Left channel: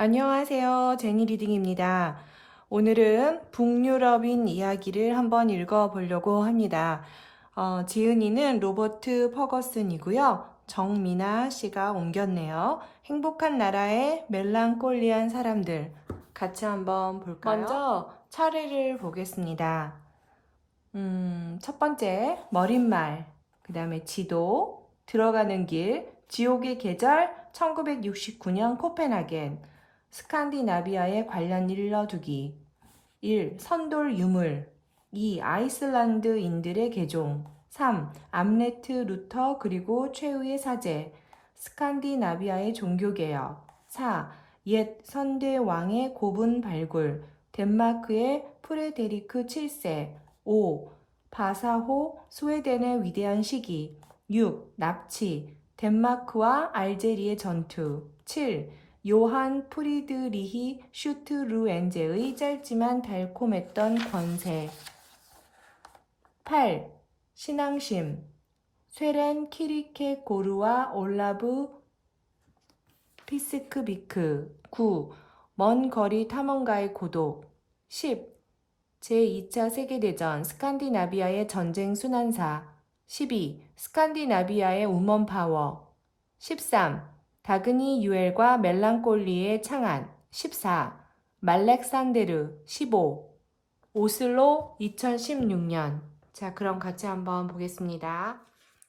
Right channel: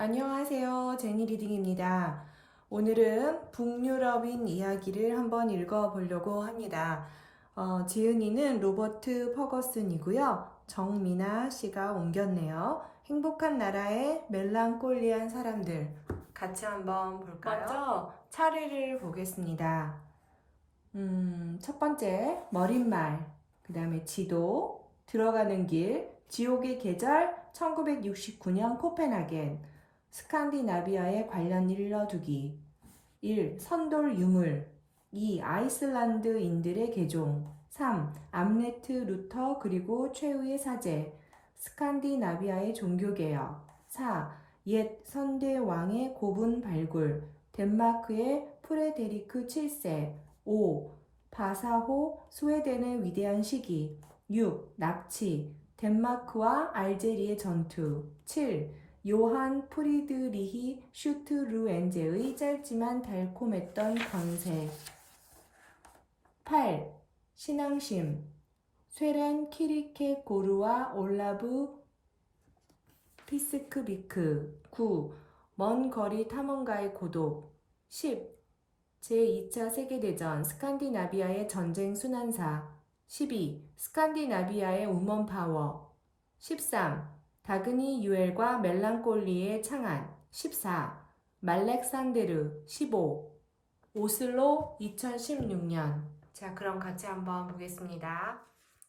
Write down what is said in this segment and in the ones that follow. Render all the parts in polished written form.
안녕하세요. 제니 리딩입니다. 오늘은 북유럽인 이야기를 한번 읽어보려고 합니다. 지은이는 로버트 퍼거슨이고요. 정미나 씨가 옮겼네요. 행복한 나라의 멜랑콜리한 사람들. 같이 한번 볼까요? 먼저 차례를 보겠습니다. 첫 번째, 머릿말. 그 다음에 지도, 들어가는 길, 지옥의 계절, 1969년 코펜하겐. 스칸디나비아에 관련 일러두기. 1. 선돌 유물. 2. 아이슬란드인들의 개종. 3. 암레트 루터 그리고 최후의 사제. 스칸디나비아의 종교개혁. 4. 옛 선대 왕의 고분 발굴. 덴마크의 프레데리크 7세. 5. 바사호 스웨덴의 위대한 시기. 6. 납치. 덴마크와 알제리의 전투. 7. 요한 프리드리히 슈트루엔제의 짧지만 달콤했던 권세. 8. 신앙심. 쇠렌 키리케고르와 올라브 피스크비크. 9. 먼 거리 탐험가의 고독. 10. 제2차 세계대전 스칸디나비아의 전쟁 순환사. 12. 스칸디나비아의 우먼 파워. 13. 다그니 유엘과 멜랑콜리의 창안. 14. 말렉산데르. 15. 오슬로 2016년. 자, 그럼 같이 한번 보겠습니다.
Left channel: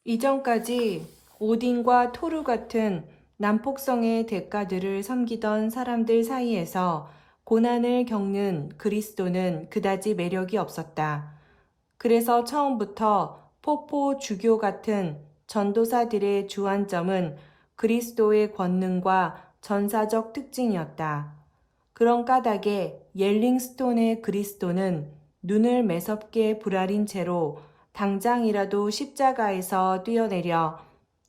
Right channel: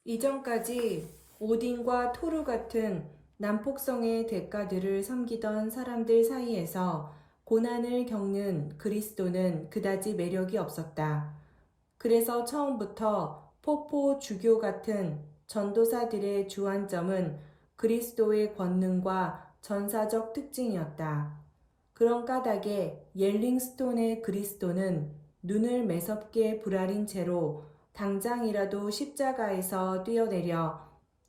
이전까지 오딘과 토르 같은 난폭성의 대가들을 섬기던 사람들 사이에서 고난을 겪는 그리스도는 그다지 매력이 없었다. 그래서 처음부터 포포 주교 같은 전도사들의 주안점은 그리스도의 권능과 전사적 특징이었다. 그런 까닭에 옐링스톤의 그리스도는 눈을 매섭게 부라린 채로 당장이라도 십자가에서 뛰어내려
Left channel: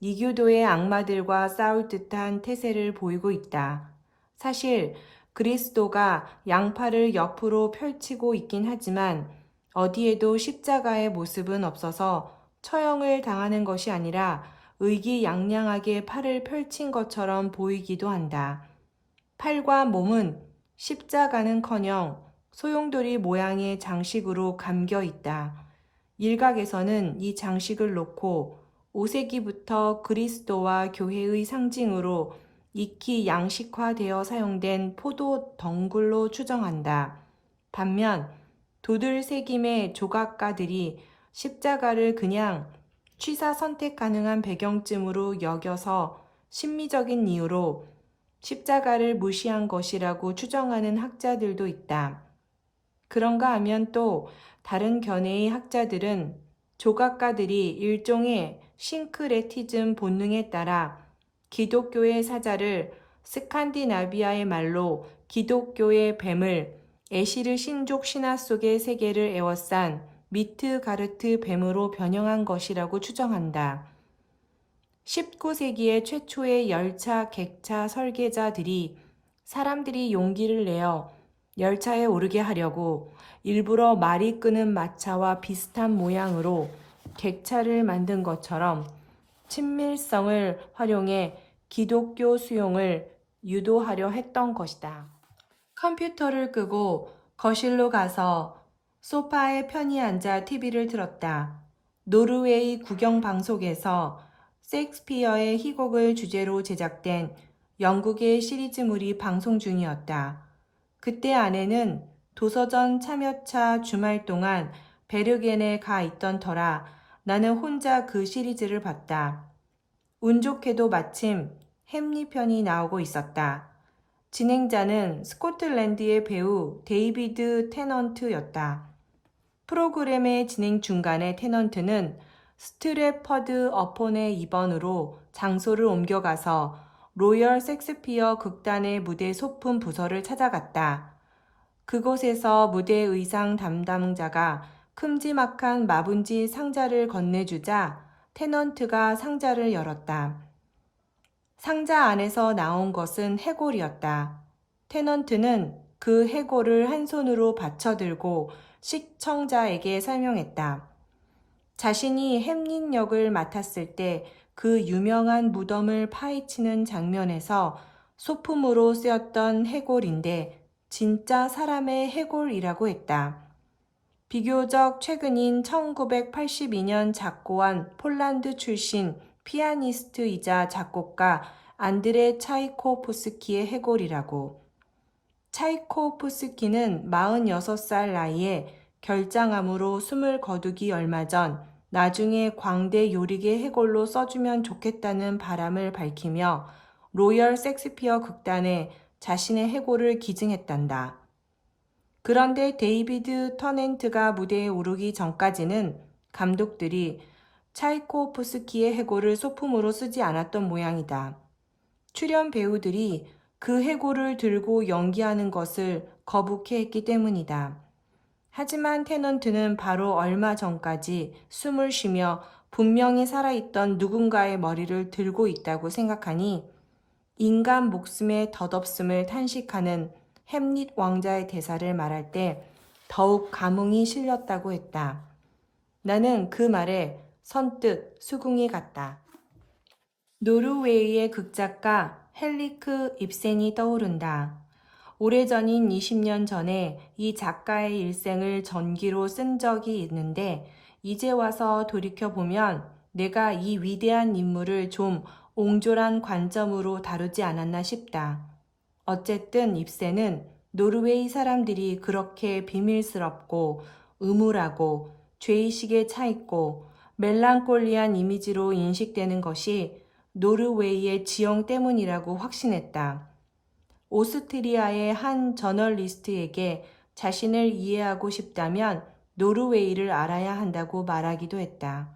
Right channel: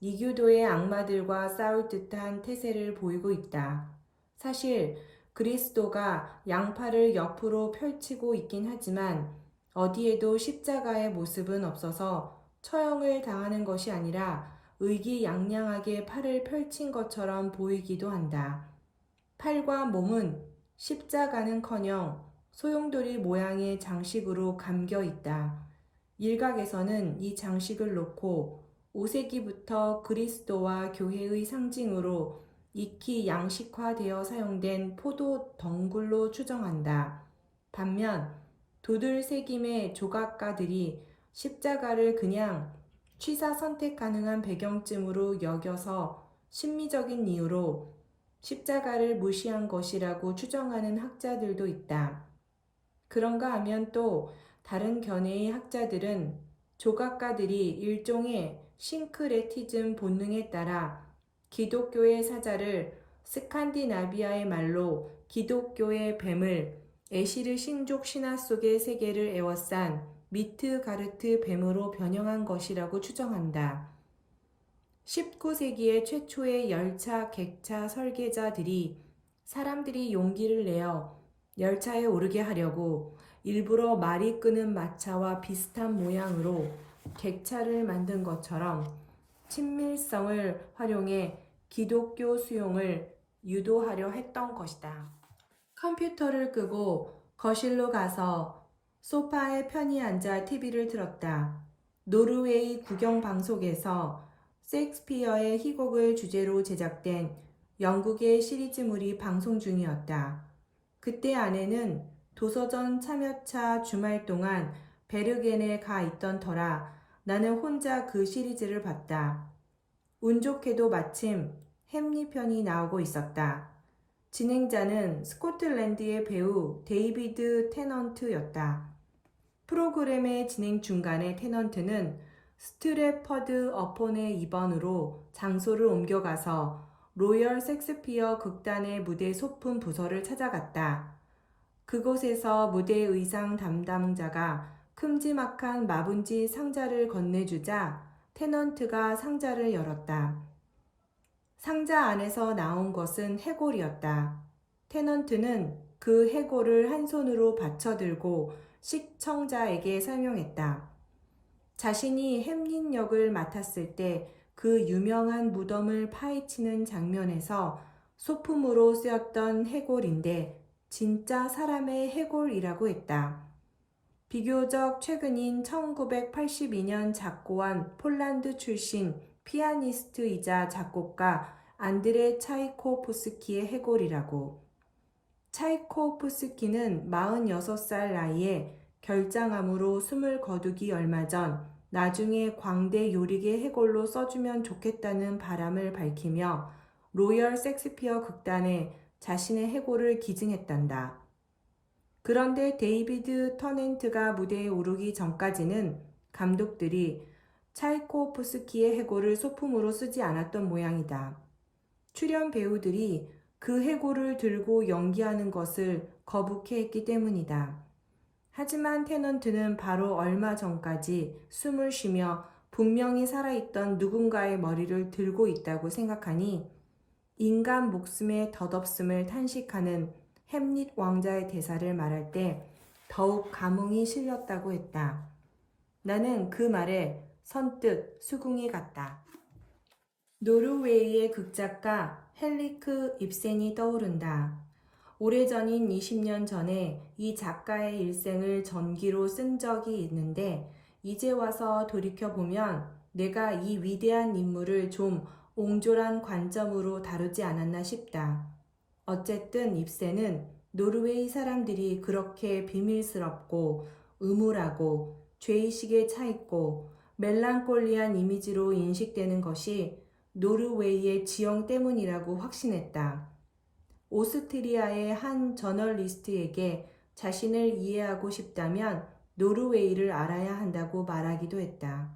이교도의 악마들과 싸울 듯한 태세를 보이고 있다. 사실 그리스도가 양팔을 옆으로 펼치고 있긴 하지만 어디에도 십자가의 모습은 없어서 처형을 당하는 것이 아니라 의기양양하게 팔을 펼친 것처럼 보이기도 한다. 팔과 몸은 십자가는커녕 소용돌이 모양의 장식으로 감겨 있다. 일각에서는 이 장식을 놓고 5세기부터 그리스도와 교회의 상징으로 익히 양식화되어 사용된 포도 덩굴로 추정한다. 반면 도들새김의 조각가들이 십자가를 그냥 취사 선택 가능한 배경쯤으로 여겨서 심미적인 이유로 십자가를 무시한 것이라고 추정하는 학자들도 있다. 그런가 하면 또 다른 견해의 학자들은 조각가들이 일종의 싱크레티즘 본능에 따라 기독교의 사자를 스칸디나비아의 말로 기독교의 뱀을 에시르 신족 신화 속의 세계를 에워싼 미트가르트 뱀으로 변형한 것이라고 추정한다. 19세기의 최초의 열차 객차 설계자들이 사람들이 용기를 내어 열차에 오르게 하려고 일부러 말이 끄는 마차와 비슷한 모양으로 객차를 만든 것처럼 친밀성을 활용해 기독교 수용을 유도하려 했던 것이다. 컴퓨터를 끄고 거실로 가서 소파에 편히 앉아 TV를 틀었다. 노르웨이 국영방송에서 셰익스피어의 희곡을 주제로 제작된 영국의 시리즈물이 방송 중이었다. 그때 아내는 도서전 참여차 주말 동안 베르겐에 가 있던 터라 나는 혼자 그 시리즈를 봤다. 운 좋게도 마침 햄리 편이 나오고 있었다. 진행자는 스코틀랜드의 배우 데이비드 테넌트였다. 프로그램의 진행 중간에 테넌트는 스트래퍼드 어폰의 입원으로 장소를 옮겨가서 로열 셰익스피어 극단의 무대 소품 부서를 찾아갔다. 그곳에서 무대 의상 담당자가 큼지막한 마분지 상자를 건네주자 테넌트가 상자를 열었다. 상자 안에서 나온 것은 해골이었다. 테넌트는 그 해골을 한 손으로 받쳐들고 시청자에게 설명했다. 자신이 햄릿 역을 맡았을 때 그 유명한 무덤을 파헤치는 장면에서 소품으로 쓰였던 해골인데 진짜 사람의 해골이라고 했다. 비교적 최근인 1982년 작고한 폴란드 출신 피아니스트이자 작곡가 안드레 차이코프스키의 해골이라고. 차이코프스키는 46살 나이에 결장암으로 숨을 거두기 얼마 전 나중에 광대 요리개 해골로 써주면 좋겠다는 바람을 밝히며 로열 섹스피어 극단에 자신의 해골을 기증했단다. 그런데 데이비드 터넨트가 무대에 오르기 전까지는 감독들이 차이코프스키의 해골을 소품으로 쓰지 않았던 모양이다. 출연 배우들이 그 해골을 들고 연기하는 것을 거북해했기 때문이다. 하지만 테넌트는 바로 얼마 전까지 숨을 쉬며 분명히 살아있던 누군가의 머리를 들고 있다고 생각하니 인간 목숨의 덧없음을 탄식하는 햄릿 왕자의 대사를 말할 때 더욱 감흥이 실렸다고 했다. 나는 그 말에 선뜻 수긍이 갔다. 노르웨이의 극작가 헨리크 입센이 떠오른다. 오래전인 20년 전에 이 작가의 일생을 전기로 쓴 적이 있는데 이제 와서 돌이켜보면 내가 이 위대한 인물을 좀 옹졸한 관점으로 다루지 않았나 싶다. 어쨌든 입센은 노르웨이 사람들이 그렇게 비밀스럽고 음울하고 죄의식에 차있고 멜랑콜리한 이미지로 인식되는 것이 노르웨이의 지형 때문이라고 확신했다. 오스트리아의 한 저널리스트에게 자신을 이해하고 싶다면 노르웨이를 알아야 한다고 말하기도 했다.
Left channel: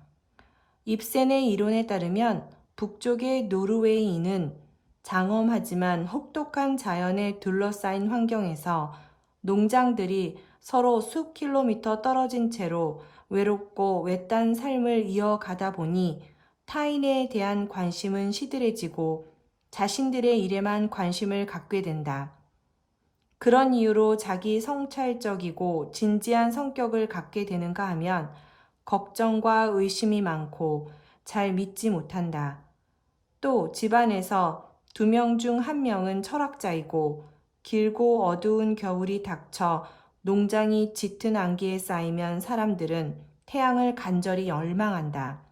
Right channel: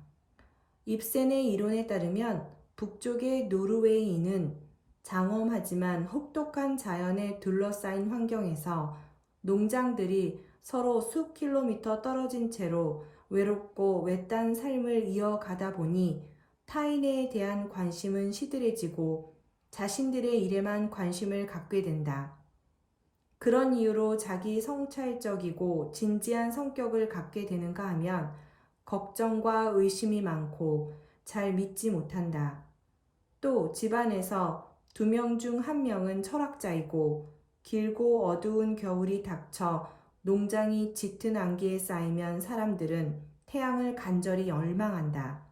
입센의 이론에 따르면 북쪽의 노르웨이인은 장엄하지만 혹독한 자연에 둘러싸인 환경에서 농장들이 서로 수 킬로미터 떨어진 채로 외롭고 외딴 삶을 이어가다 보니 타인에 대한 관심은 시들해지고 자신들의 일에만 관심을 갖게 된다. 그런 이유로 자기 성찰적이고 진지한 성격을 갖게 되는가 하면 걱정과 의심이 많고 잘 믿지 못한다. 또 집안에서 2명 중 1명은 철학자이고 길고 어두운 겨울이 닥쳐 농장이 짙은 안개에 쌓이면 사람들은 태양을 간절히 열망한다.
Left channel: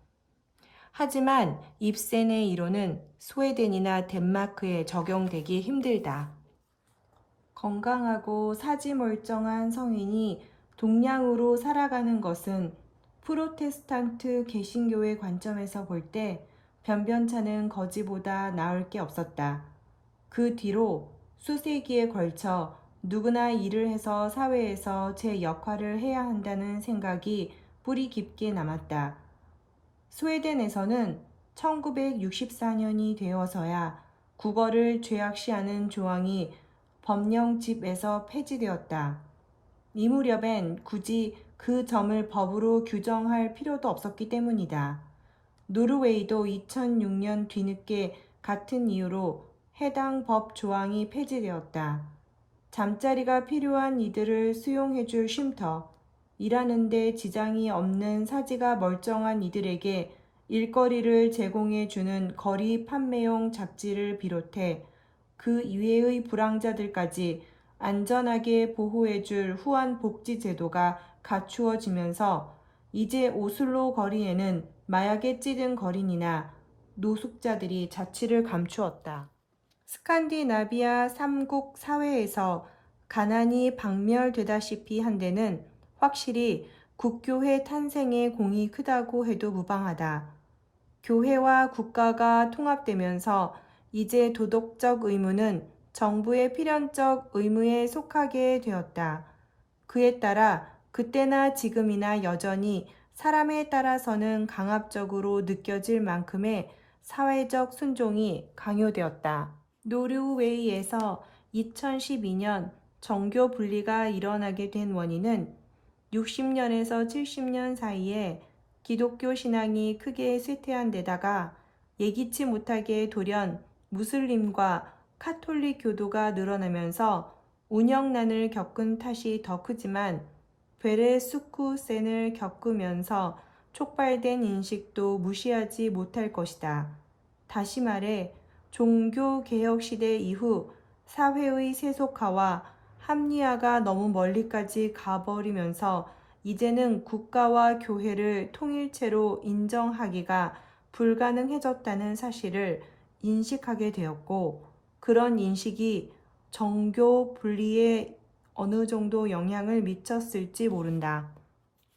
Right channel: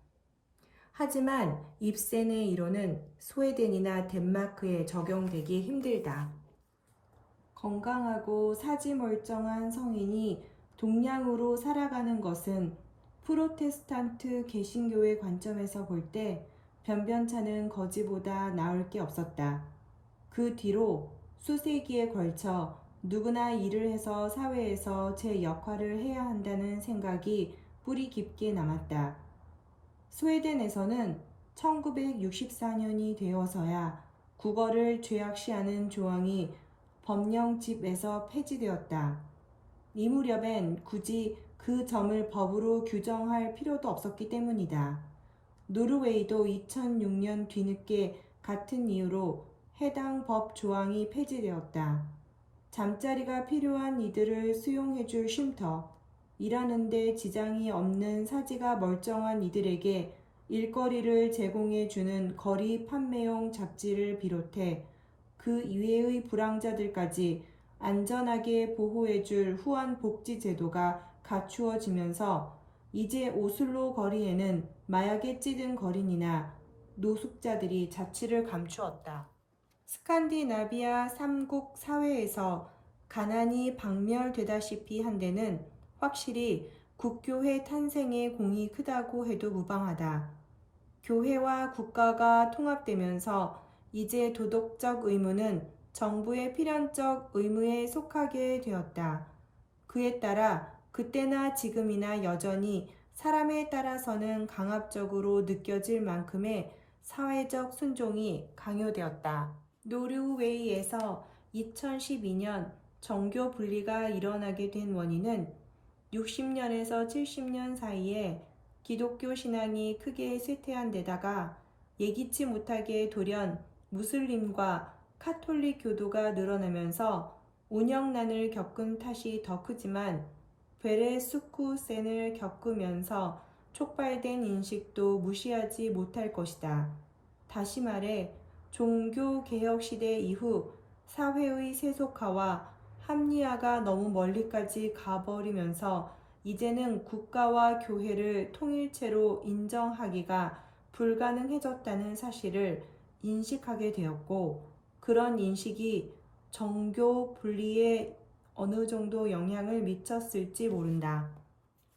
하지만 입센의 이론은 스웨덴이나 덴마크에 적용되기 힘들다. 건강하고 사지멀쩡한 성인이 동량으로 살아가는 것은 프로테스탄트 개신교의 관점에서 볼 때 변변찮은 거지보다 나을 게 없었다. 그 뒤로 수세기에 걸쳐 누구나 일을 해서 사회에서 제 역할을 해야 한다는 생각이 뿌리 깊게 남았다. 스웨덴에서는 1964년이 되어서야 국어를 죄악시하는 조항이 법령집에서 폐지되었다. 이 무렵엔 굳이 그 점을 법으로 규정할 필요도 없었기 때문이다. 노르웨이도 2006년 뒤늦게 같은 이유로 해당 법 조항이 폐지되었다. 잠자리가 필요한 이들을 수용해줄 쉼터, 일하는데 지장이 없는 사지가 멀쩡한 이들에게 일거리를 제공해주는 거리 판매용 잡지를 비롯해 그 이외의 불황자들까지 안전하게 보호해줄 후한 복지 제도가 갖추어지면서 이제 오슬로 거리에는 마약에 찌든 거린이나 노숙자들이 자취를 감추었다. 스칸디나비아 3국 사회에서 가난이 박멸되다시피 한 데는 확실히 국교회 탄생의 공이 크다고 해도 무방하다. 교회와 국가가 통합되면서 이제 도덕적 의무는 정부의 필연적 의무에 속하게 되었다. 그에 따라 그때나 지금이나 여전히 사람에 따라서는 강압적으로 느껴질 만큼의 사회적 순종이 강요되었다. 노르웨이에서 2012년 정교 분리가 일어나게 된 원인은 60년에서 70년 사이에 기독교 신앙이 크게 쇠퇴한 데다가 예기치 못하게 돌연 무슬림과 카톨릭 교도가 늘어나면서 운영난을 겪은 탓이 더 크지만 베레수쿠센을 겪으면서 촉발된 인식도 무시하지 못할 것이다. 다시 말해 종교개혁 시대 이후 사회의 세속화와 합리화가 너무 멀리까지 가버리면서 이제는 국가와 교회를 통일체로 인정하기가 불가능해졌다는 사실을 인식하게 되었고, 그런 인식이 정교 분리에 어느 정도 영향을 미쳤을지 모른다.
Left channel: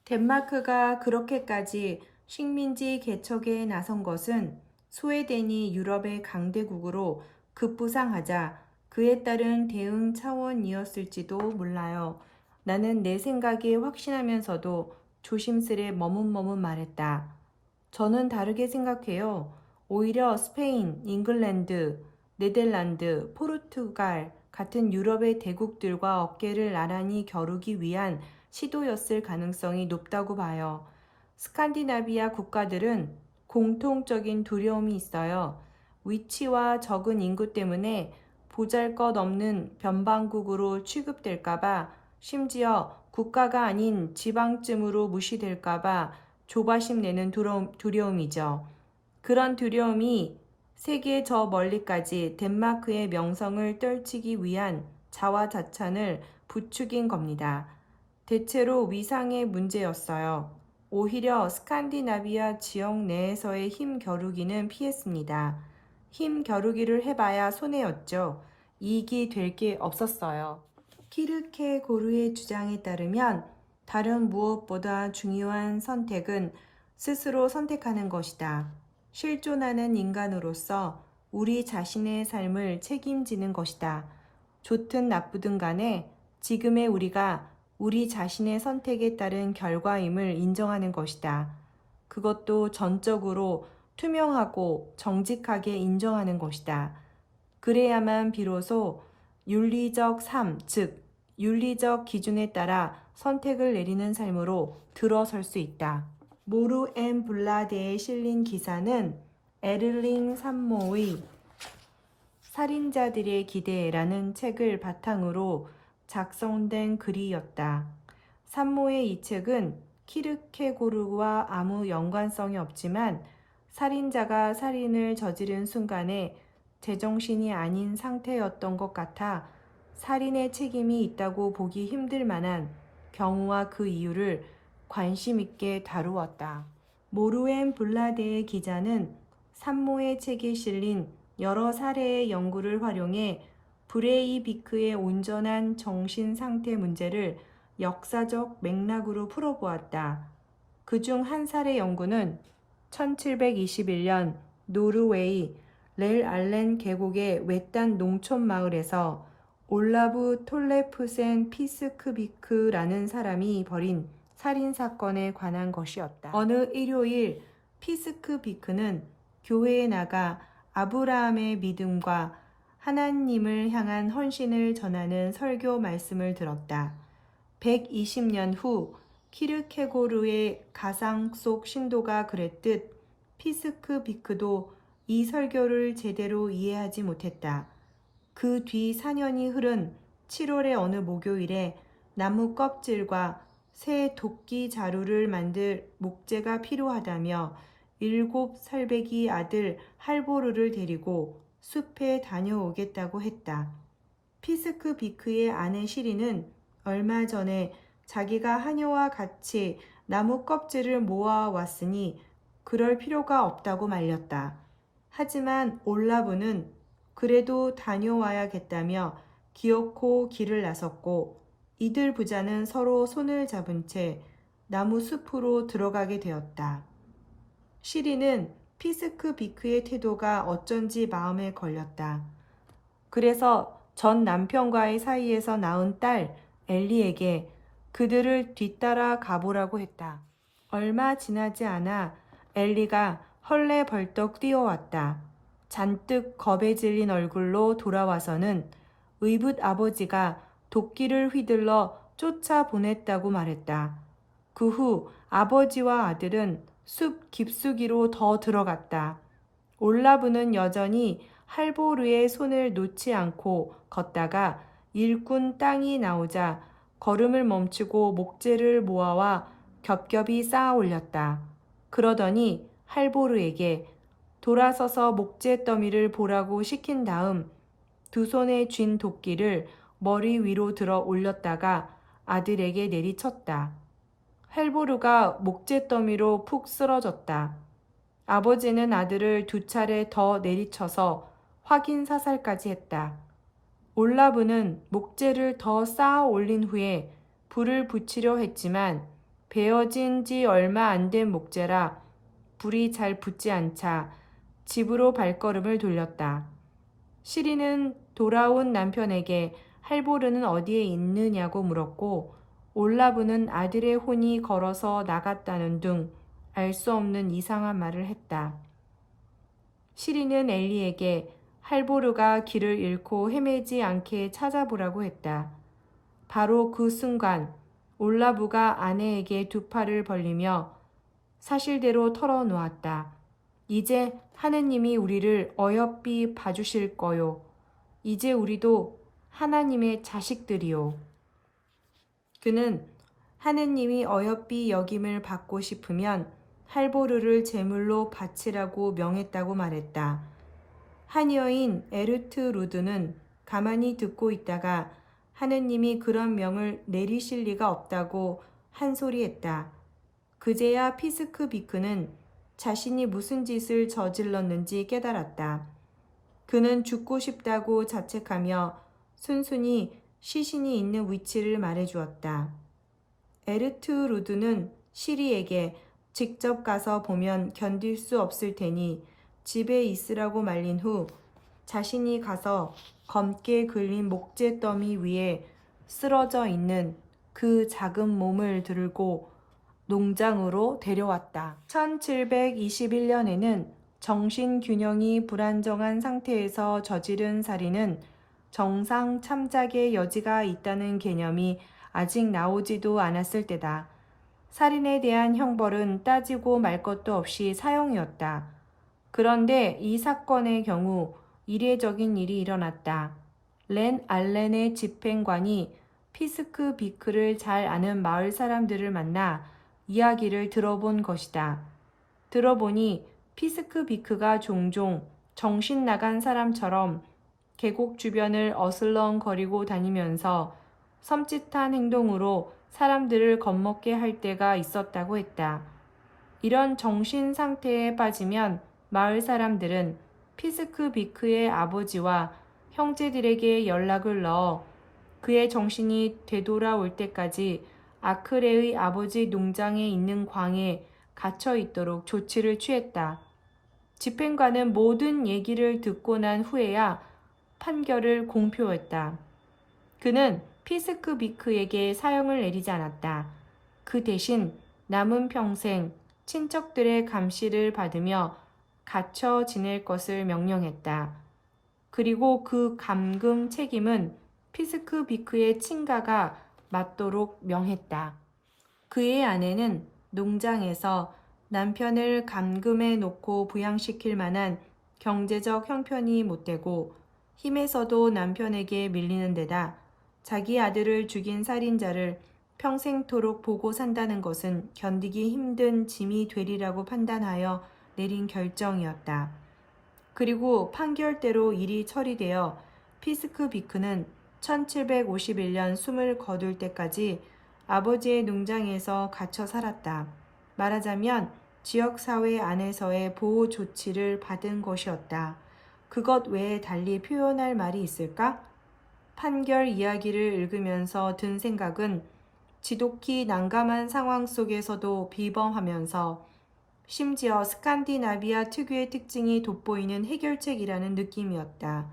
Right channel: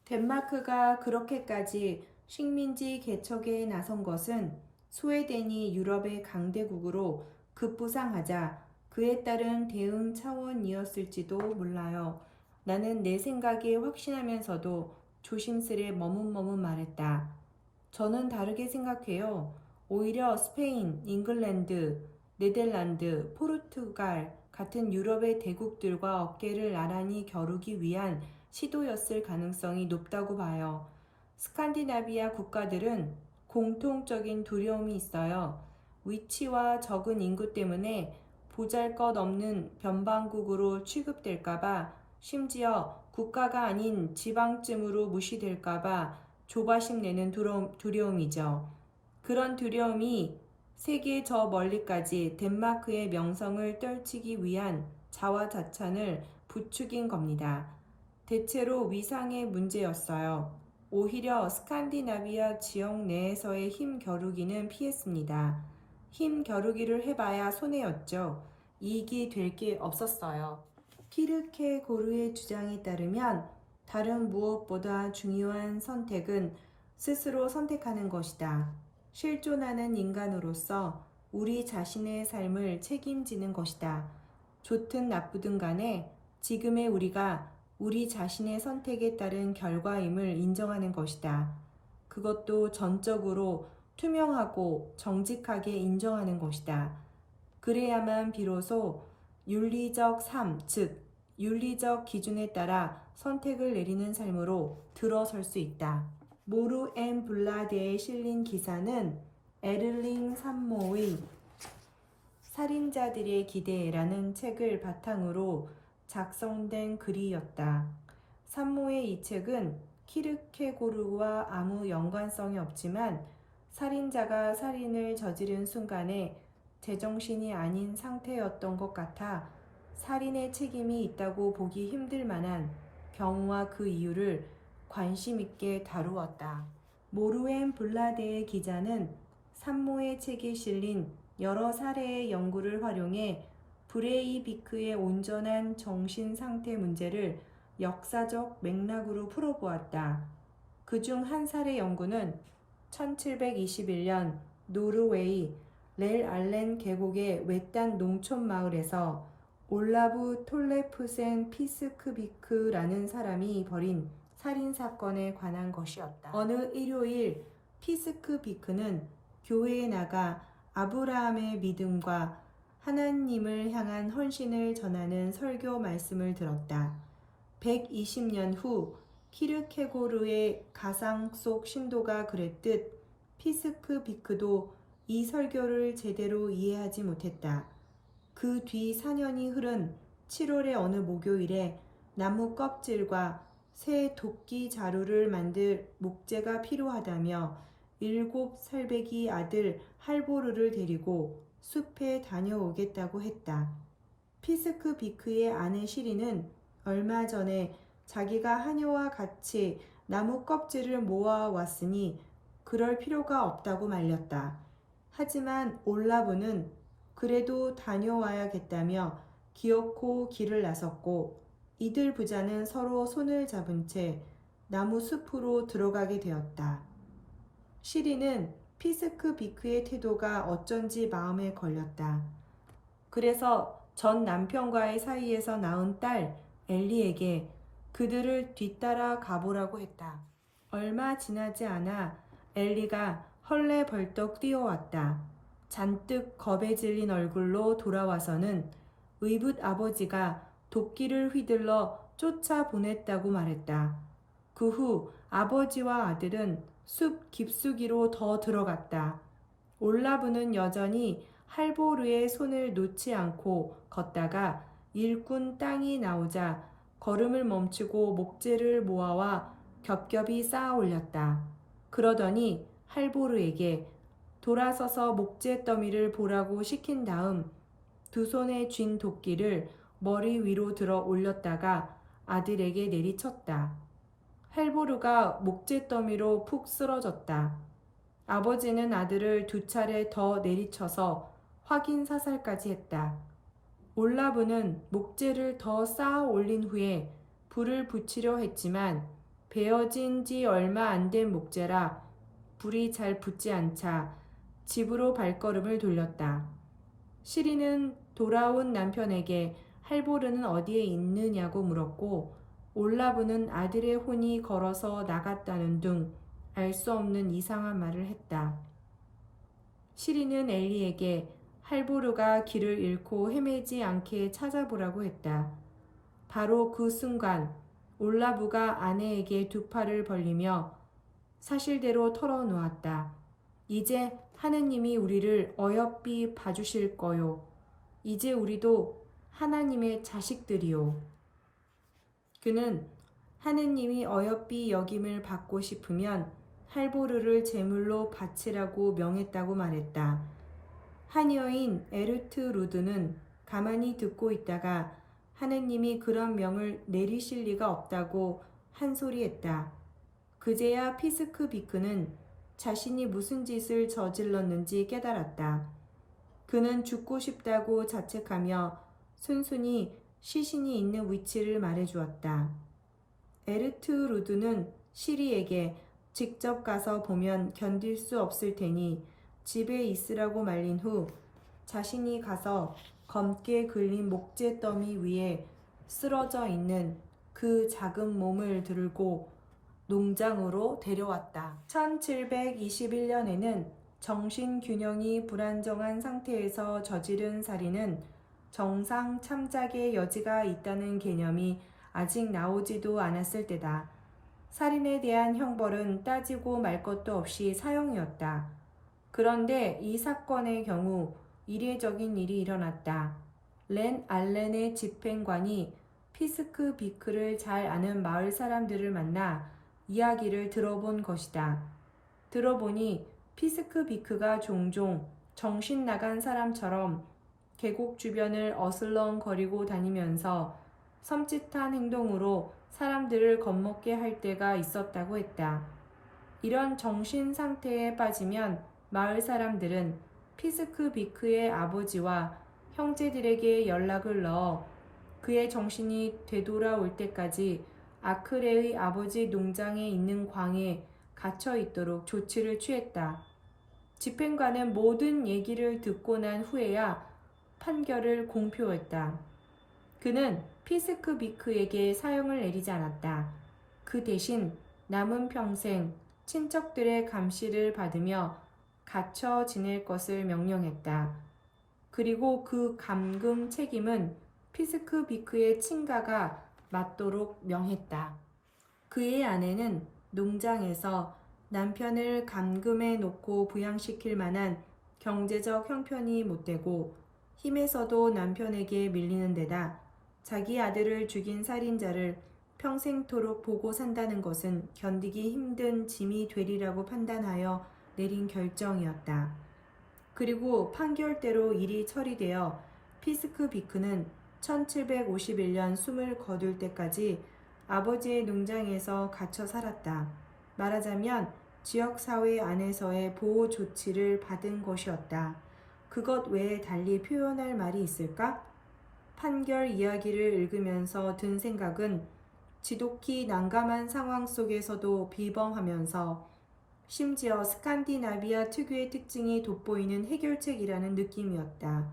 덴마크가 그렇게까지 식민지 개척에 나선 것은 스웨덴이 유럽의 강대국으로 급부상하자 그에 따른 대응 차원이었을지도 몰라요. 나는 내 생각이 확신하면서도 조심스레 머뭇머뭇 말했다. 저는 다르게 생각해요. 오히려 스페인, 잉글랜드, 네덜란드, 포르투갈 같은 유럽의 대국들과 어깨를 나란히 겨루기 위한 시도였을 가능성이 높다고 봐요. 스칸디나비아 국가들은 공통적인 두려움이 있어요. 위치와 적은 인구 때문에 보잘것없는 변방국으로 취급될까봐, 심지어 국가가 아닌 지방쯤으로 무시될까봐 조바심 내는 두려움이죠. 그런 두려움이 세계 저 멀리까지 덴마크의 명성을 떨치기 위한 자화자찬을 부추긴 겁니다. 대체로 위상의 문제였어요. 오히려 스칸디나비아 지역 내에서의 힘 겨루기는 피했습니다. 힘 겨루기를 해봐야 손해였죠. 이익이 될 게 없었어요. 키르케고르의 주장에 따르면 다른 무엇보다 중요한 선택은 스스로 선택하는 것이다. 실존하는 인간으로서 우리 자신의 삶을 책임지는 것이다. 좋든 나쁘든 간에 지금의 우리가 우리 자신의 선택에 따른 결과임을 인정하는 것이다. 그것도 전적으로 투명하고 정직하게 인정하는 것이다. 그래야만 비로소 윤리적 삶, 즉 윤리적 기준에 따라 선택을 내리는 삶으로 들어설 수 있다. 모루 앤 블라데에 실린 기사는 에를링 산모의 살인자들의 기대라는 책을 바탕으로 작성된 글이었다. 산모의 이 책은 키르케고르와 아무 연관성이 없지만 살인자가 살인을 저지른 순간에 제정신이 아닌 상태였던 것 같아 살인의 책임이 있다고 보기 힘들 만한 경우와 그 이유를 관심 있게 다루었다. 모루엔 블라데의 기자는 산모의 책에 실린 여러 사례의 연구를 활용해 브레이비크의 온전한 정신 상태 문제를 역사적 맥락으로 풀어보았다. 그중 한 사례 연구는 1721년 노르웨이 렐 알렌 계곡의 외딴 농촌 마을에서 올라브 톨레프센 피스크비크라는 사람이 벌인 살인사건에 관한 것이었다. 어느 일요일 피스크비크는 교회에 나가 아브라함의 믿음과 하나님을 향한 헌신을 전하는 설교 말씀을 들었다. 120년 후 키르케고르의 가상 속 신도가 그랬듯 피스크비크도 이 설교를 제대로 이해하지 못했다. 그 뒤 4년이 흐른 7월의 어느 목요일에 나무 껍질과 새 도끼 자루를 만들 목재가 필요하다며 7살배기 아들 할보르를 데리고 숲에 다녀오겠다고 했다. 피스크비크의 아내 시리는 얼마 전에 자기가 하녀와 같이 나무 껍질을 모아왔으니 그럴 필요가 없다고 말렸다. 하지만 올라브는 그래도 다녀와야겠다며 기어코 길을 나섰고 이들 부자는 서로 손을 잡은 채 나무 숲으로 들어가게 되었다. 시리는 피스크비크의 태도가 어쩐지 마음에 걸렸다. 그래서 전 남편과의 사이에서 낳은 딸 엘리에게 그들을 뒤따라 가보라고 했다. 얼마 지나지 않아 엘리가 헐레벌떡 뛰어왔다. 잔뜩 겁에 질린 얼굴로 돌아와서는 의붓 아버지가 도끼를 휘둘러 쫓아보냈다고 말했다. 그 후 아버지와 아들은 숲 깊숙이로 더 들어갔다. 올라브는 여전히 할보르의 손을 놓지 않고 걷다가 일꾼 땅이 나오자 걸음을 멈추고 목재를 모아와 겹겹이 쌓아 올렸다. 그러더니 할보르에게 돌아서서 목재 더미를 보라고 시킨 다음 두 손에 쥔 도끼를 머리 위로 들어 올렸다가 아들에게 내리쳤다. 헬보르가 목재 더미로 푹 쓰러졌다. 아버지는 아들을 두 차례 더 내리쳐서 확인 사살까지 했다. 올라브는 목재를 더 쌓아 올린 후에 불을 붙이려 했지만 베어진 지 얼마 안 된 목재라 불이 잘 붙지 않자 집으로 발걸음을 돌렸다. 시리는 돌아온 남편에게 할보르는 어디에 있느냐고 물었고 올라브는 아들의 혼이 걸어서 나갔다는 둥 알 수 없는 이상한 말을 했다. 시리는 엘리에게 할보르가 길을 잃고 헤매지 않게 찾아보라고 했다. 바로 그 순간 올라브가 아내에게 두 팔을 벌리며 사실대로 털어놓았다. 이제 하느님이 우리를 어여삐 봐주실 거요. 이제 우리도 하나님의 자식들이요. 그는 하느님이 어여삐 여김을 받고 싶으면 할보르를 제물로 바치라고 명했다고 말했다. 한 여인 에르트 루드는 가만히 듣고 있다가 하느님이 그런 명을 내리실 리가 없다고 한 소리 했다. 그제야 피스크 비크는 자신이 무슨 짓을 저질렀는지 깨달았다. 그는 죽고 싶다고 자책하며 순순히 시신이 있는 위치를 말해주었다. 에르트 루드는 시리에게 직접 가서 보면 견딜 수 없을 테니 집에 있으라고 말린 후 자신이 가서 검게 글린 목재 더미 위에 쓰러져 있는 그 작은 몸을 들고 농장으로 데려왔다. 1721년에는 정신균형이 불안정한 상태에서 저지른 살인은 정상 참작의 여지가 있다는 개념이 아직 나오지도 않았을 때다. 살인에 대한 형벌은 따지고 말 것도 없이 사형이었다. 그런데 이 사건의 경우 이례적인 일이 일어났다. 렌 알렌의 집행관이 피스크 비크를 잘 아는 마을 사람들을 만나 이야기를 들어본 것이다. 들어보니 피스크 비크가 종종 정신 나간 사람처럼 계곡 주변을 어슬렁거리고 다니면서 섬찟한 행동으로 사람들을 겁먹게 할 때가 있었다고 했다. 이런 정신 상태에 빠지면 마을 사람들은 피스크 비크의 아버지와 형제들에게 연락을 넣어 그의 정신이 되돌아올 때까지 아크레의 아버지 농장에 있는 광에 갇혀 있도록 조치를 취했다. 집행관은 모든 얘기를 듣고 난 후에야 판결을 공표했다. 그는 피스크 비크에게 사형을 내리지 않았다. 그 대신 남은 평생 친척들의 감시를 받으며 갇혀 지낼 것을 명령했다. 그리고 그 감금 책임은 피스크 비크의 친가가 맡도록 명했다. 그의 아내는 농장에서 남편을 감금해 놓고 부양시킬 만한 경제적 형편이 못되고 힘에서도 남편에게 밀리는 데다 자기 아들을 죽인 살인자를 평생토록 보고 산다는 것은 견디기 힘든 짐이 되리라고 판단하여 내린 결정이었다. 그리고 판결대로 일이 처리되어 피스크 비크는 1751년 숨을 거둘 때까지 아버지의 농장에서 갇혀 살았다. 말하자면 지역사회 안에서의 보호 조치를 받은 것이었다. 그것 외에 달리 표현할 말이 있을까? 판결 이야기를 읽으면서 든 생각은 지독히 난감한 상황 속에서도 비범하면서 심지어 스칸디나비아 특유의 특징이 돋보이는 해결책이라는 느낌이었다.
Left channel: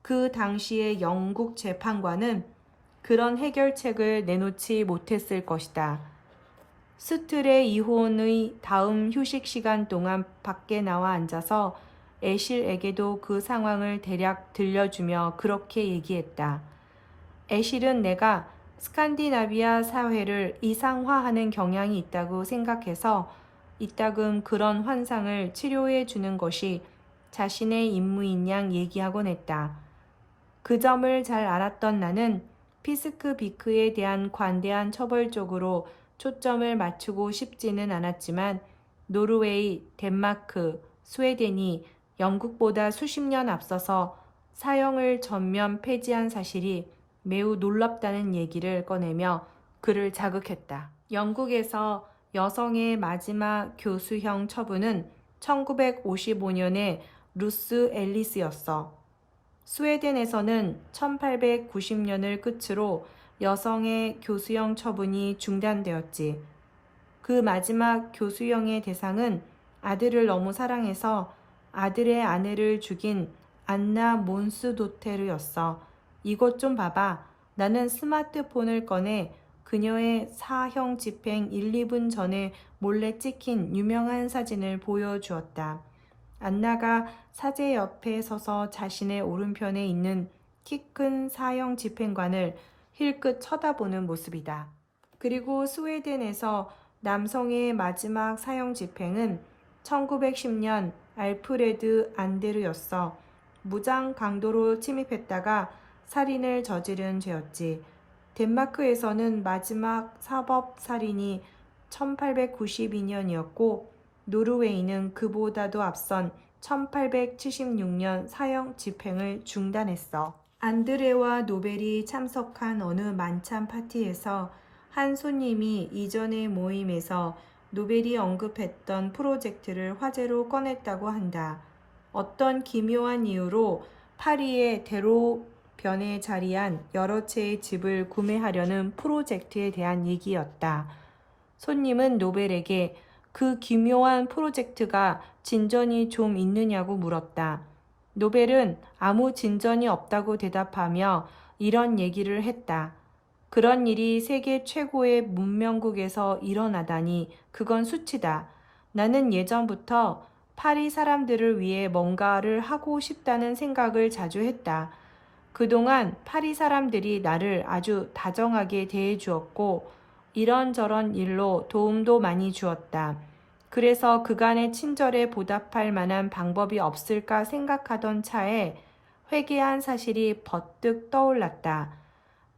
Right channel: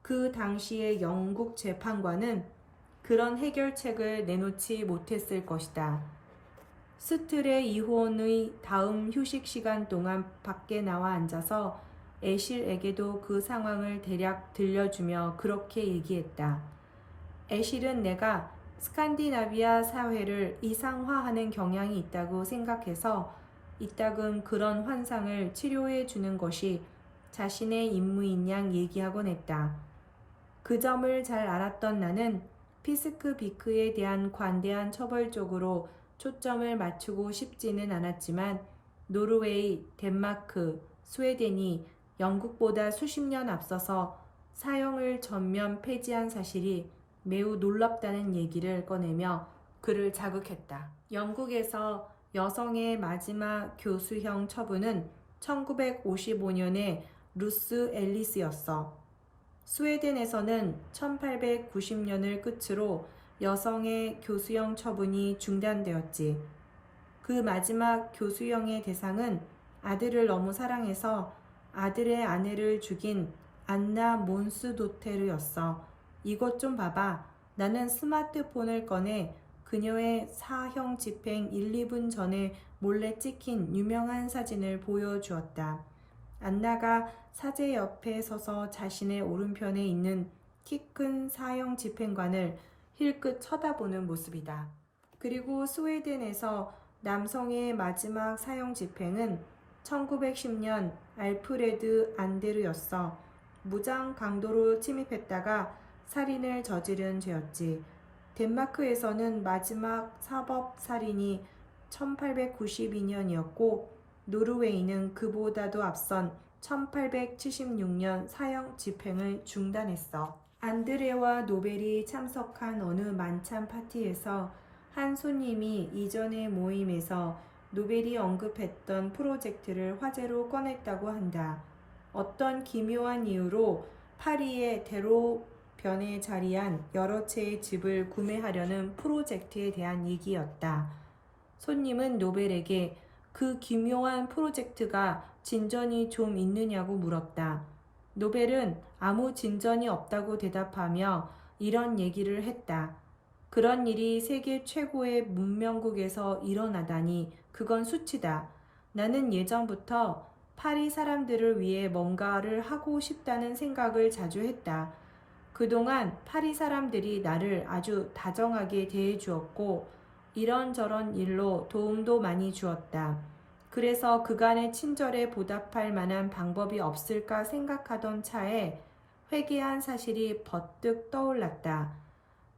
그 당시의 영국 재판관은 그런 해결책을 내놓지 못했을 것이다. 스틀의 이혼의 다음 휴식 시간 동안 밖에 나와 앉아서 애실에게도 그 상황을 대략 들려주며 그렇게 얘기했다. 애실은 내가 스칸디나비아 사회를 이상화하는 경향이 있다고 생각해서 이따금 그런 환상을 치료해 주는 것이 자신의 임무인 양 얘기하곤 했다. 그 점을 잘 알았던 나는 피스크 비크에 대한 관대한 처벌 쪽으로 초점을 맞추고 싶지는 않았지만 노르웨이, 덴마크, 스웨덴이 영국보다 수십 년 앞서서 사형을 전면 폐지한 사실이 매우 놀랍다는 얘기를 꺼내며 그를 자극했다. 영국에서 여성의 마지막 교수형 처분은 1955년에 루스 앨리스였어. 스웨덴에서는 1890년을 끝으로 여성의 교수형 처분이 중단되었지. 그 마지막 교수형의 대상은 아들을 너무 사랑해서 아들의 아내를 죽인 안나 몬스도테르였어. 이것 좀 봐봐. 나는 스마트폰을 꺼내 그녀의 사형 집행 1, 2분 전에 몰래 찍힌 유명한 사진을 보여주었다. 안나가 사제 옆에 서서 자신의 오른편에 있는 키 큰 사형 집행관을 힐끗 쳐다보는 모습이다. 그리고 스웨덴에서 남성의 마지막 사형 집행은 1910년 알프레드 안데르였어. 무장 강도로 침입했다가 살인을 저지른 죄였지. 덴마크에서는 마지막 사법 살인이 1892년이었고 노르웨이는 그보다도 앞선 1876년 사형 집행을 중단했어. 안드레와 노벨이 참석한 어느 만찬 파티에서 한 손님이 이전의 모임에서 노벨이 언급했던 프로젝트를 화제로 꺼냈다고 한다. 어떤 기묘한 이유로 파리의 대로변에 자리한 여러 채의 집을 구매하려는 프로젝트에 대한 얘기였다. 손님은 노벨에게 그 기묘한 프로젝트가 진전이 좀 있느냐고 물었다. 노벨은 아무 진전이 없다고 대답하며 이런 얘기를 했다. 그런 일이 세계 최고의 문명국에서 일어나다니 그건 수치다. 나는 예전부터 파리 사람들을 위해 뭔가를 하고 싶다는 생각을 자주 했다. 그동안 파리 사람들이 나를 아주 다정하게 대해주었고 이런저런 일로 도움도 많이 주었다. 그래서 그간의 친절에 보답할 만한 방법이 없을까 생각하던 차에 회개한 사실이 버뜩 떠올랐다.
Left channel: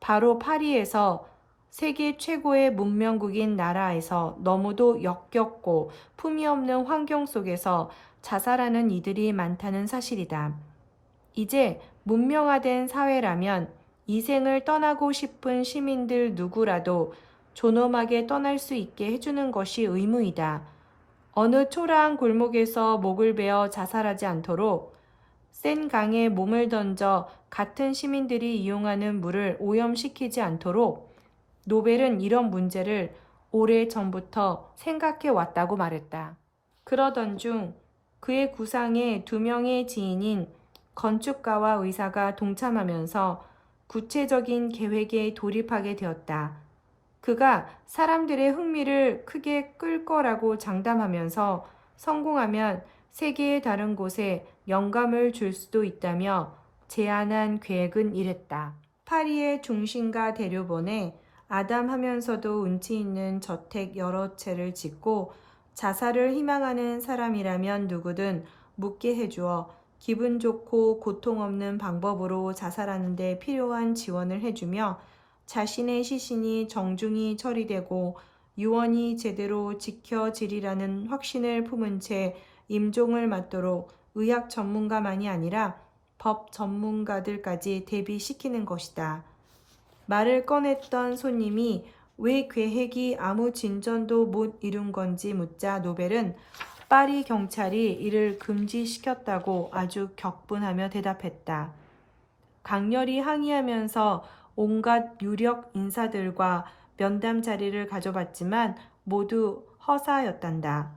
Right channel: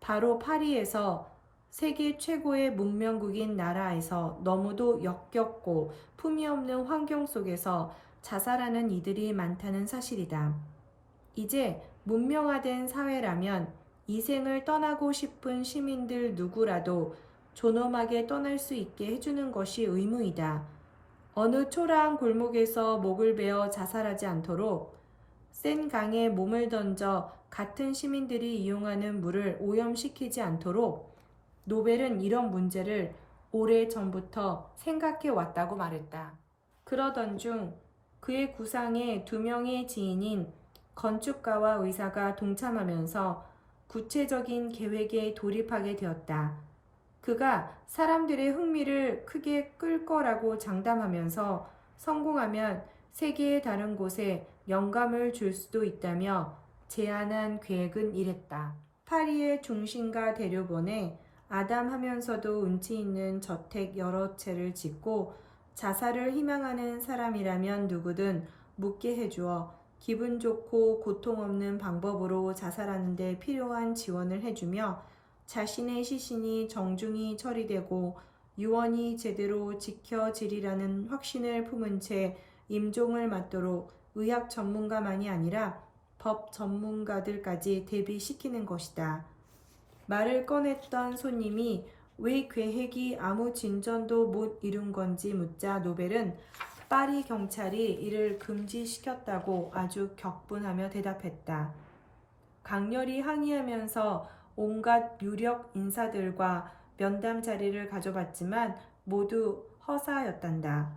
바로 파리에서 세계 최고의 문명국인 나라에서 너무도 역겹고 품위 없는 환경 속에서 자살하는 이들이 많다는 사실이다. 이제 문명화된 사회라면 이 생을 떠나고 싶은 시민들 누구라도 존엄하게 떠날 수 있게 해주는 것이 의무이다. 어느 초라한 골목에서 목을 베어 자살하지 않도록 센 강에 몸을 던져 같은 시민들이 이용하는 물을 오염시키지 않도록 노벨은 이런 문제를 오래 전부터 생각해 왔다고 말했다. 그러던 중 그의 구상에 2명의 지인인 건축가와 의사가 동참하면서 구체적인 계획에 돌입하게 되었다. 그가 사람들의 흥미를 크게 끌 거라고 장담하면서 성공하면 세계의 다른 곳에 영감을 줄 수도 있다며 제안한 계획은 이랬다. 파리의 중심가 대로변에 아담하면서도 운치 있는 저택 여러 채를 짓고 자살을 희망하는 사람이라면 누구든 묻게 해주어 기분 좋고 고통 없는 방법으로 자살하는 데 필요한 지원을 해주며 자신의 시신이 정중히 처리되고 유언이 제대로 지켜지리라는 확신을 품은 채 임종을 맞도록 의학 전문가만이 아니라 법 전문가들까지 대비시키는 것이다. 말을 꺼냈던 손님이 왜 계획이 아무 진전도 못 이룬 건지 묻자 노벨은 파리 경찰이 이를 금지시켰다고 아주 격분하며 대답했다. 강렬히 항의하면서 온갖 유력 인사들과 면담 자리를 가져봤지만 모두 허사였단다.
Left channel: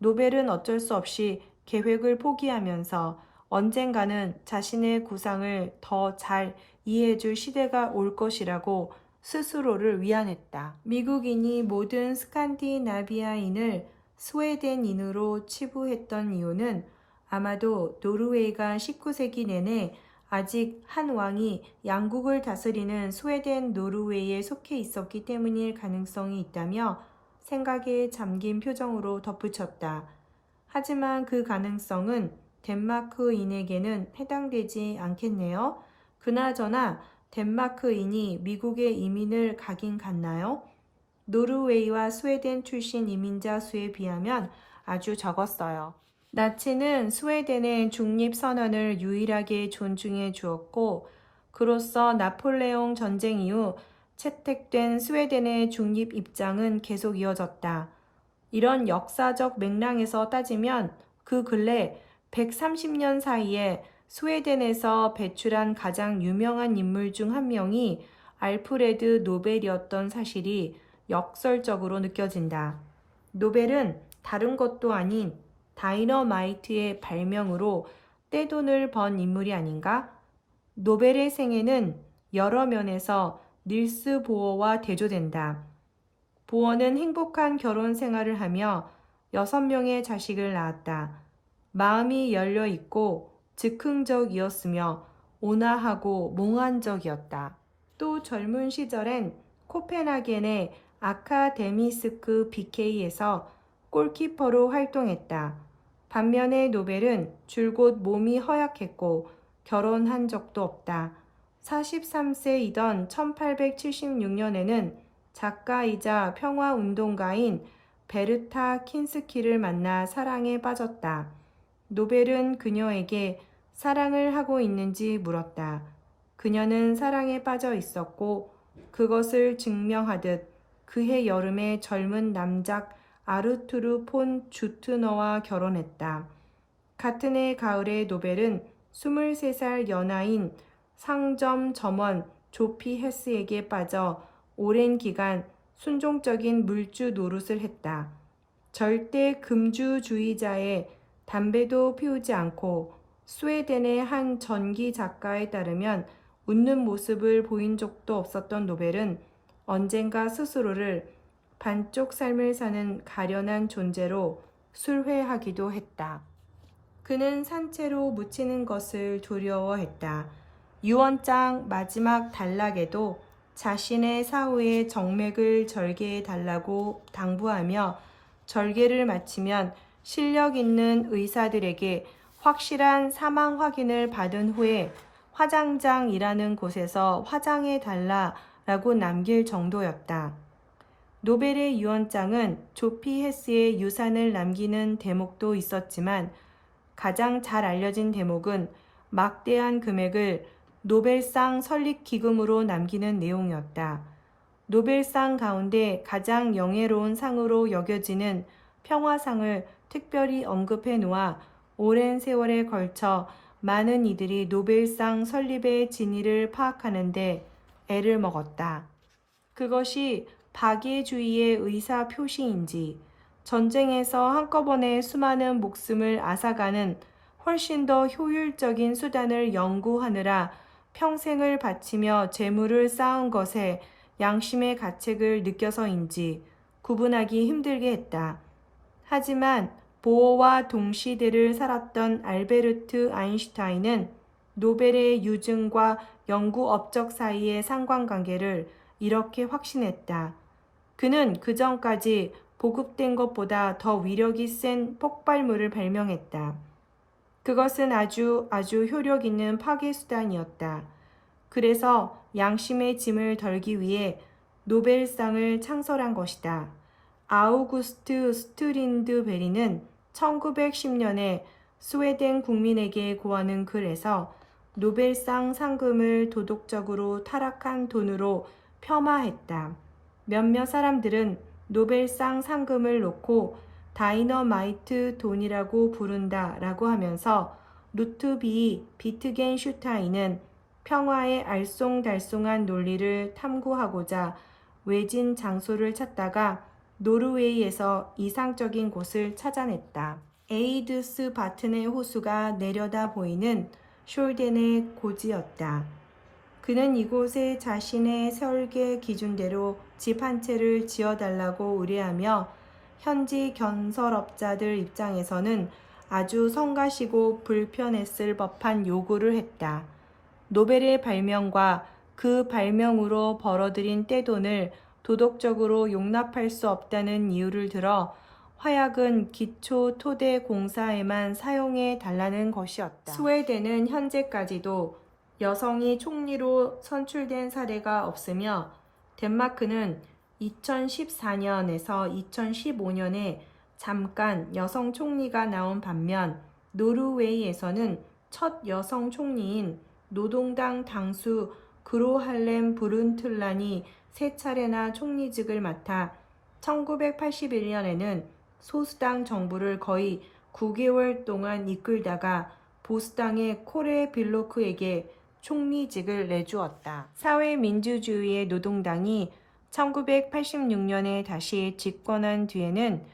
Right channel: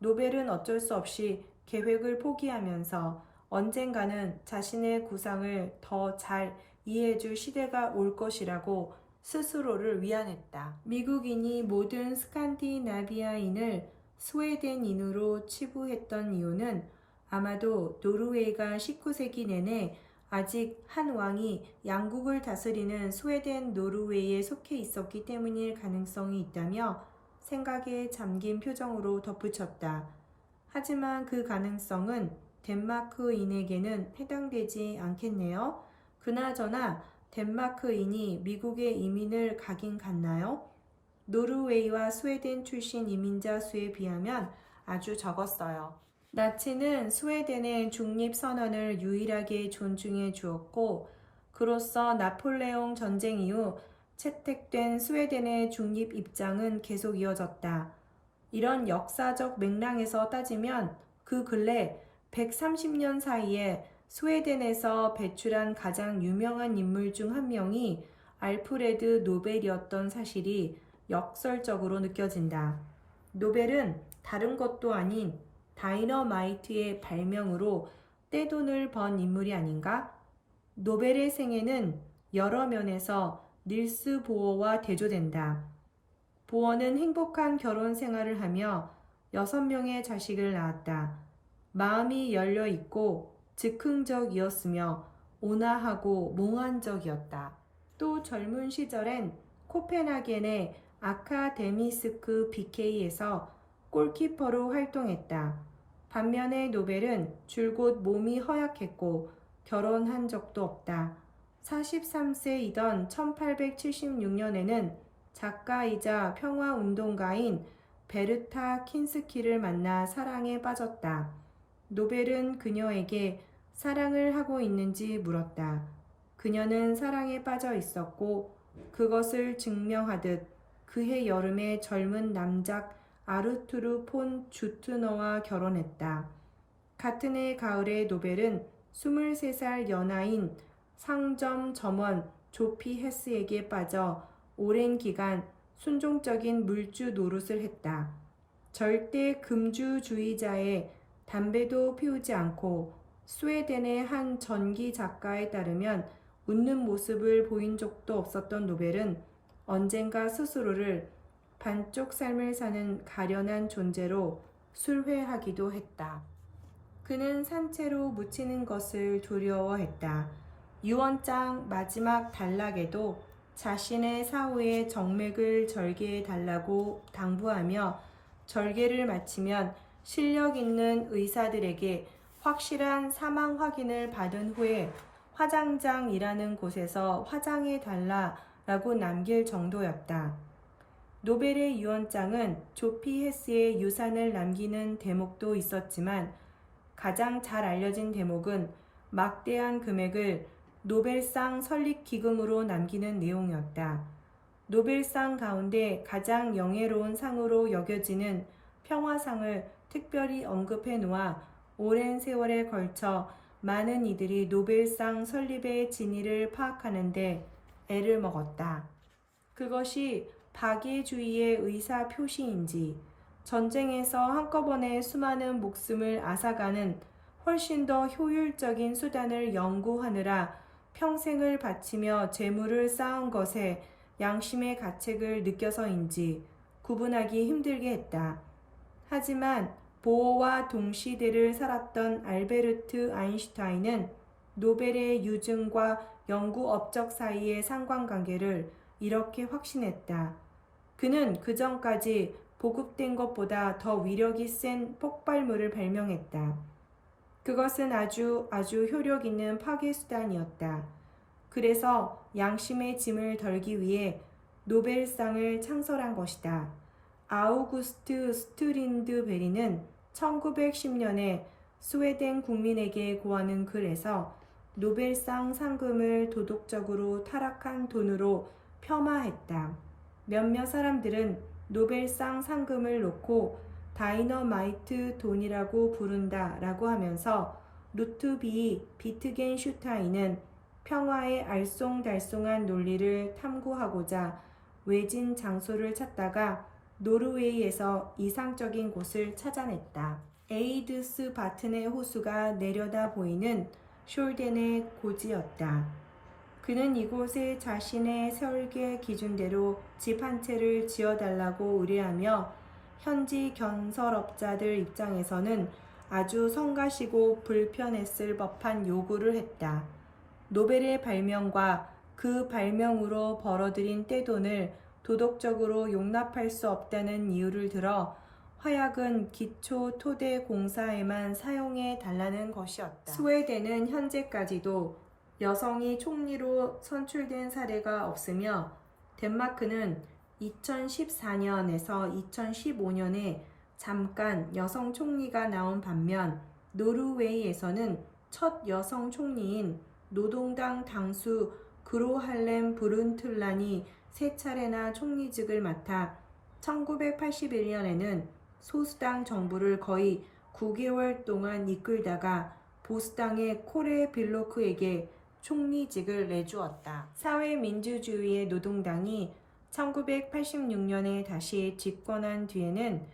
노벨은 어쩔 수 없이 계획을 포기하면서 언젠가는 자신의 구상을 더 잘 이해해줄 시대가 올 것이라고 스스로를 위안했다. 미국인이 모든 스칸디나비아인을 스웨덴인으로 치부했던 이유는 아마도 노르웨이가 19세기 내내 아직 한 왕이 양국을 다스리는 스웨덴 노르웨이에 속해 있었기 때문일 가능성이 있다며 생각에 잠긴 표정으로 덧붙였다. 하지만 그 가능성은 덴마크인에게는 해당되지 않겠네요. 그나저나 덴마크인이 미국에 이민을 가긴 갔나요? 노르웨이와 스웨덴 출신 이민자 수에 비하면 아주 적었어요. 나치는 스웨덴의 중립선언을 유일하게 존중해 주었고, 그로써 나폴레옹 전쟁 이후 채택된 스웨덴의 중립 입장은 계속 이어졌다. 이런 역사적 맥락에서 따지면 그 근래 130년 사이에 스웨덴에서 배출한 가장 유명한 인물 중 한 명이 알프레드 노벨이었던 사실이 역설적으로 느껴진다. 노벨은 다른 것도 아닌 다이너마이트의 발명으로 떼돈을 번 인물이 아닌가? 노벨의 생애는 여러 면에서 닐스 보어와 대조된다. 보어는 행복한 결혼 생활을 하며 6명의 자식을 낳았다. 마음이 열려 있고 즉흥적이었으며 온화하고 몽환적이었다. 또 젊은 시절엔 코펜하겐의 아카데미스크 BK에서 골키퍼로 활동했다. 반면에 노벨은 줄곧 몸이 허약했고 결혼한 적도 없다. 43세이던 1876년에는 작가이자 평화운동가인 베르타 킨스키를 만나 사랑에 빠졌다. 노벨은 그녀에게 사랑을 하고 있는지 물었다. 그녀는 사랑에 빠져 있었고 그것을 증명하듯 그해 여름에 젊은 남작 아르투르 폰 주트너와 결혼했다. 같은 해 가을에 노벨은 23살 연하인 상점 점원 조피 헤스에게 빠져 오랜 기간 순종적인 물주 노릇을 했다. 절대 금주주의자의 담배도 피우지 않고 스웨덴의 한 전기 작가에 따르면 웃는 모습을 보인 적도 없었던 노벨은 언젠가 스스로를 반쪽 삶을 사는 가련한 존재로 술회하기도 했다. 그는 산채로 묻히는 것을 두려워했다. 유언장 마지막 단락에도 자신의 사후에 정맥을 절개해 달라고 당부하며 절개를 마치면 실력 있는 의사들에게 확실한 사망 확인을 받은 후에 화장장이라는 곳에서 화장해 달라라고 남길 정도였다. 노벨의 유언장은 조피 헤스의 유산을 남기는 대목도 있었지만 가장 잘 알려진 대목은 막대한 금액을 노벨상 설립기금으로 남기는 내용이었다. 노벨상 가운데 가장 영예로운 상으로 여겨지는 평화상을 특별히 언급해 놓아 오랜 세월에 걸쳐 많은 이들이 노벨상 설립의 진위를 파악하는 데 애를 먹었다. 그것이 박애주의의 의사 표시인지 전쟁에서 한꺼번에 수많은 목숨을 앗아가는 훨씬 더 효율적인 수단을 연구하느라 평생을 바치며 재물을 쌓은 것에 양심의 가책을 느껴서인지 구분하기 힘들게 했다. 하지만 보어와 동시대를 살았던 알베르트 아인슈타인은 노벨의 유증과 연구 업적 사이의 상관관계를 이렇게 확신했다. 그는 그 전까지 보급된 것보다 더 위력이 센 폭발물을 발명했다. 그것은 아주 효력 있는 파괴 수단이었다. 그래서 양심의 짐을 덜기 위해 노벨상을 창설한 것이다. 아우구스트 스트린드베리는 1910년에 스웨덴 국민에게 고하는 글에서 노벨상 상금을 도덕적으로 타락한 돈으로 폄하했다. 몇몇 사람들은 노벨상 상금을 놓고 다이너마이트 돈이라고 부른다라고 하면서 루트비 비트겐슈타인은 평화의 알쏭달쏭한 논리를 탐구하고자 외진 장소를 찾다가 노르웨이에서 이상적인 곳을 찾아냈다. 에이드스 바튼의 호수가 내려다 보이는 숄덴의 고지였다. 그는 이곳에 자신의 설계 기준대로 집 한 채를 지어달라고 의뢰하며 현지 건설업자들 입장에서는 아주 성가시고 불편했을 법한 요구를 했다. 노벨의 발명과 그 발명으로 벌어들인 떼돈을 도덕적으로 용납할 수 없다는 이유를 들어 화약은 기초 토대 공사에만 사용해 달라는 것이었다. 스웨덴은 현재까지도 여성이 총리로 선출된 사례가 없으며 덴마크는 2014년에서 2015년에 잠깐 여성 총리가 나온 반면 노르웨이에서는 첫 여성 총리인 노동당 당수 그로 할렘 브룬틀란이 세 차례나 총리직을 맡아 1981년에는 소수당 정부를 거의 9개월 동안 이끌다가 보수당의 코레 빌로크에게 총리직을 내주었다. 사회민주주의의 노동당이 1986년에 다시 집권한 뒤에는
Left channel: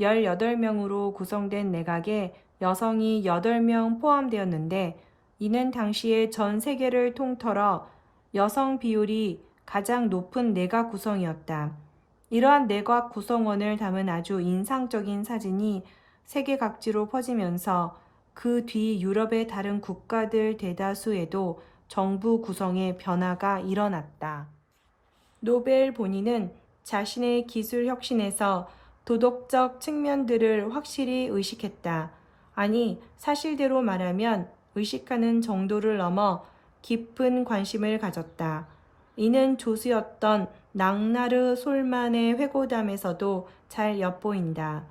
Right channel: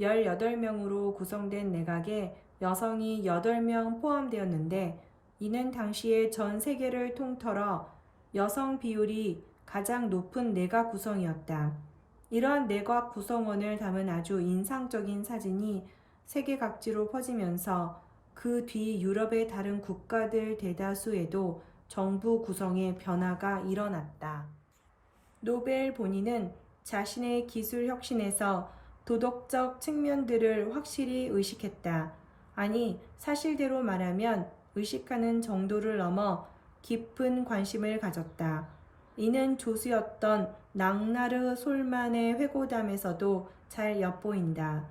18명으로 구성된 내각에 여성이 8명 포함되었는데 이는 당시의 전 세계를 통틀어 여성 비율이 가장 높은 내각 구성이었다. 이러한 내각 구성원을 담은 아주 인상적인 사진이 세계 각지로 퍼지면서 그 뒤 유럽의 다른 국가들 대다수에도 정부 구성에 변화가 일어났다. 노벨 본인은 자신의 기술 혁신에서 도덕적 측면들을 확실히 의식했다. 아니, 사실대로 말하면 의식하는 정도를 넘어 깊은 관심을 가졌다. 이는 조수였던 낭나르 솔만의 회고담에서도 잘 엿보인다.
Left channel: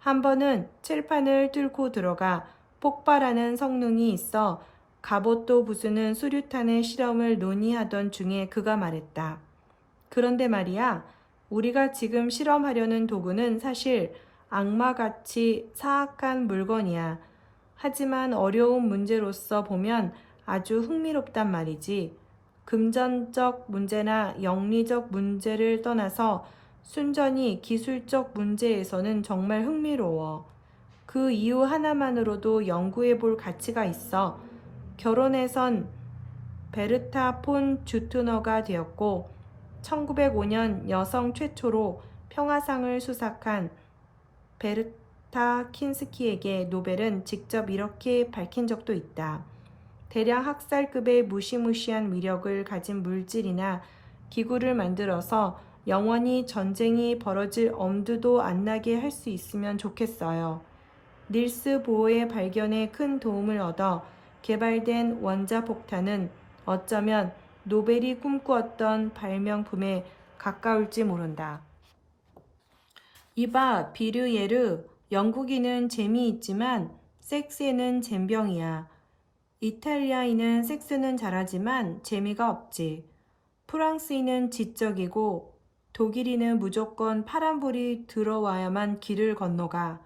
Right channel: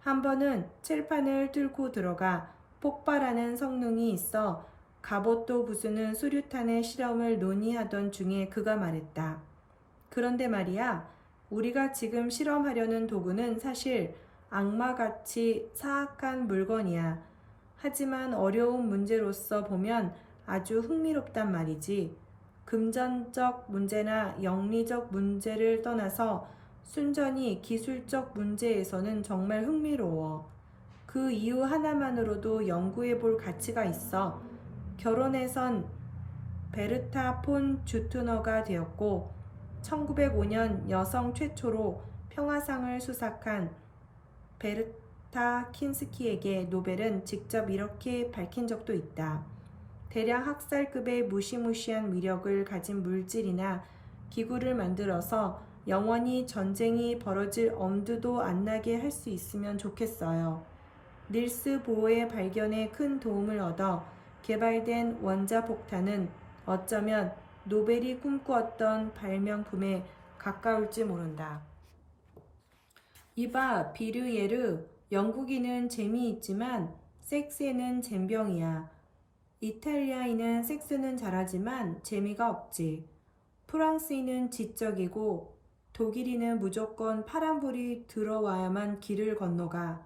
한 번은 칠판을 뚫고 들어가 폭발하는 성능이 있어 갑옷도 부수는 수류탄의 실험을 논의하던 중에 그가 말했다. 그런데 말이야, 우리가 지금 실험하려는 도구는 사실 악마같이 사악한 물건이야. 하지만 어려운 문제로서 보면 아주 흥미롭단 말이지. 금전적 문제나 영리적 문제를 떠나서 순전히 기술적 문제에서는 정말 흥미로워. 그 이유 하나만으로도 연구해 볼 가치가 있어. 결혼해선 베르타 폰 주트너가 되었고 1905년 여성 최초로 평화상을 수상한 베르타 킨스키에게 노벨은 직접 이렇게 밝힌 적도 있다. 대량 학살급의 무시무시한 위력을 가진 물질이나 기구를 만들어서 영원히 전쟁이 벌어질 엄두도 안 나게 할 수 있으면 좋겠어요. 닐스 보어의 발견에 큰 도움을 얻어 개발된 원자폭탄은 어쩌면 노벨이 꿈꾸었던 발명품에 가까울지 모른다. 이봐, 비르예르, 영국인은 재미있지만 섹스에는 젬병이야. 이탈리아인은 섹스는 잘하지만 재미가 없지. 프랑스인은 지적이고 독일인은 무조건 파란불이 들어와야만 길을 건너가.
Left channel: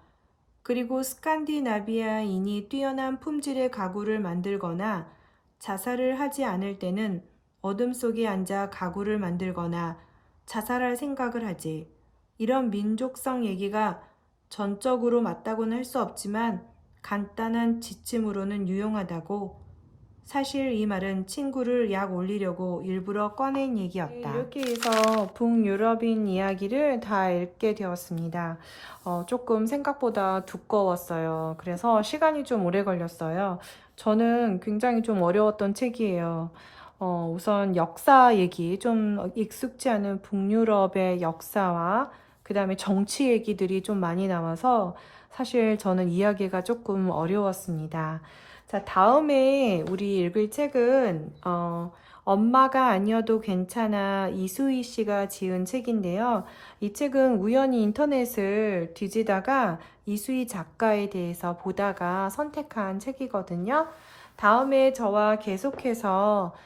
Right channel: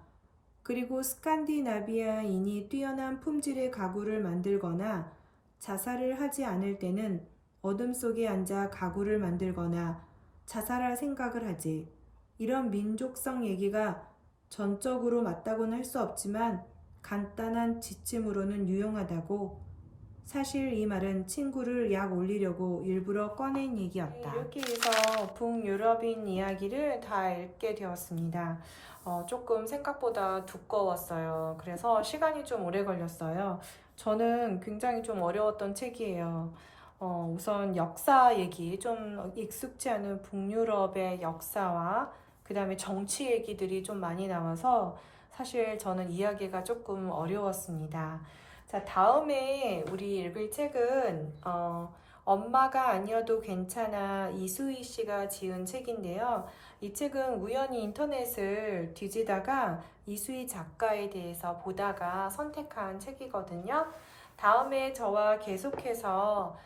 그리고 스칸디나비아인이 뛰어난 품질의 가구를 만들거나 자살을 하지 않을 때는 어둠 속에 앉아 가구를 만들거나 자살할 생각을 하지. 이런 민족성 얘기가 전적으로 맞다고는 할 수 없지만 간단한 지침으로는 유용하다고. 사실 이 말은 친구를 약 올리려고 일부러 꺼낸 얘기였다. 이렇게 해서 북유럽인 이야기를 다 읽게 되었습니다. 조금 생각보다 두꺼웠어요. 그래서 시간이 좀 오래 걸렸어요. 저는 굉장히 좀 어려웠던 책이에요. 우선 역사 얘기, 좀 익숙지 않은 북유럽의 역사와 그 다음에 정치 얘기들이 좀 많이 나와서 사실 저는 이야기가 조금 어려웠습니다. 자, 다음에 우리 읽을 책은 엄마가 아니어도 괜찮아 이수희 씨가 지은 책인데요. 이 책은 우연히 인터넷을 뒤지다가 이수희 작가에 대해서 보다가 선택한 책이거든요. 다음에 저와 계속해서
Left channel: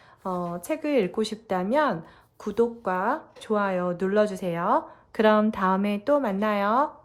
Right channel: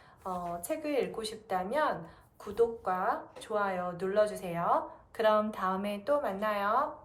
책을 읽고 싶다면 구독과 좋아요 눌러주세요. 그럼 다음에 또 만나요.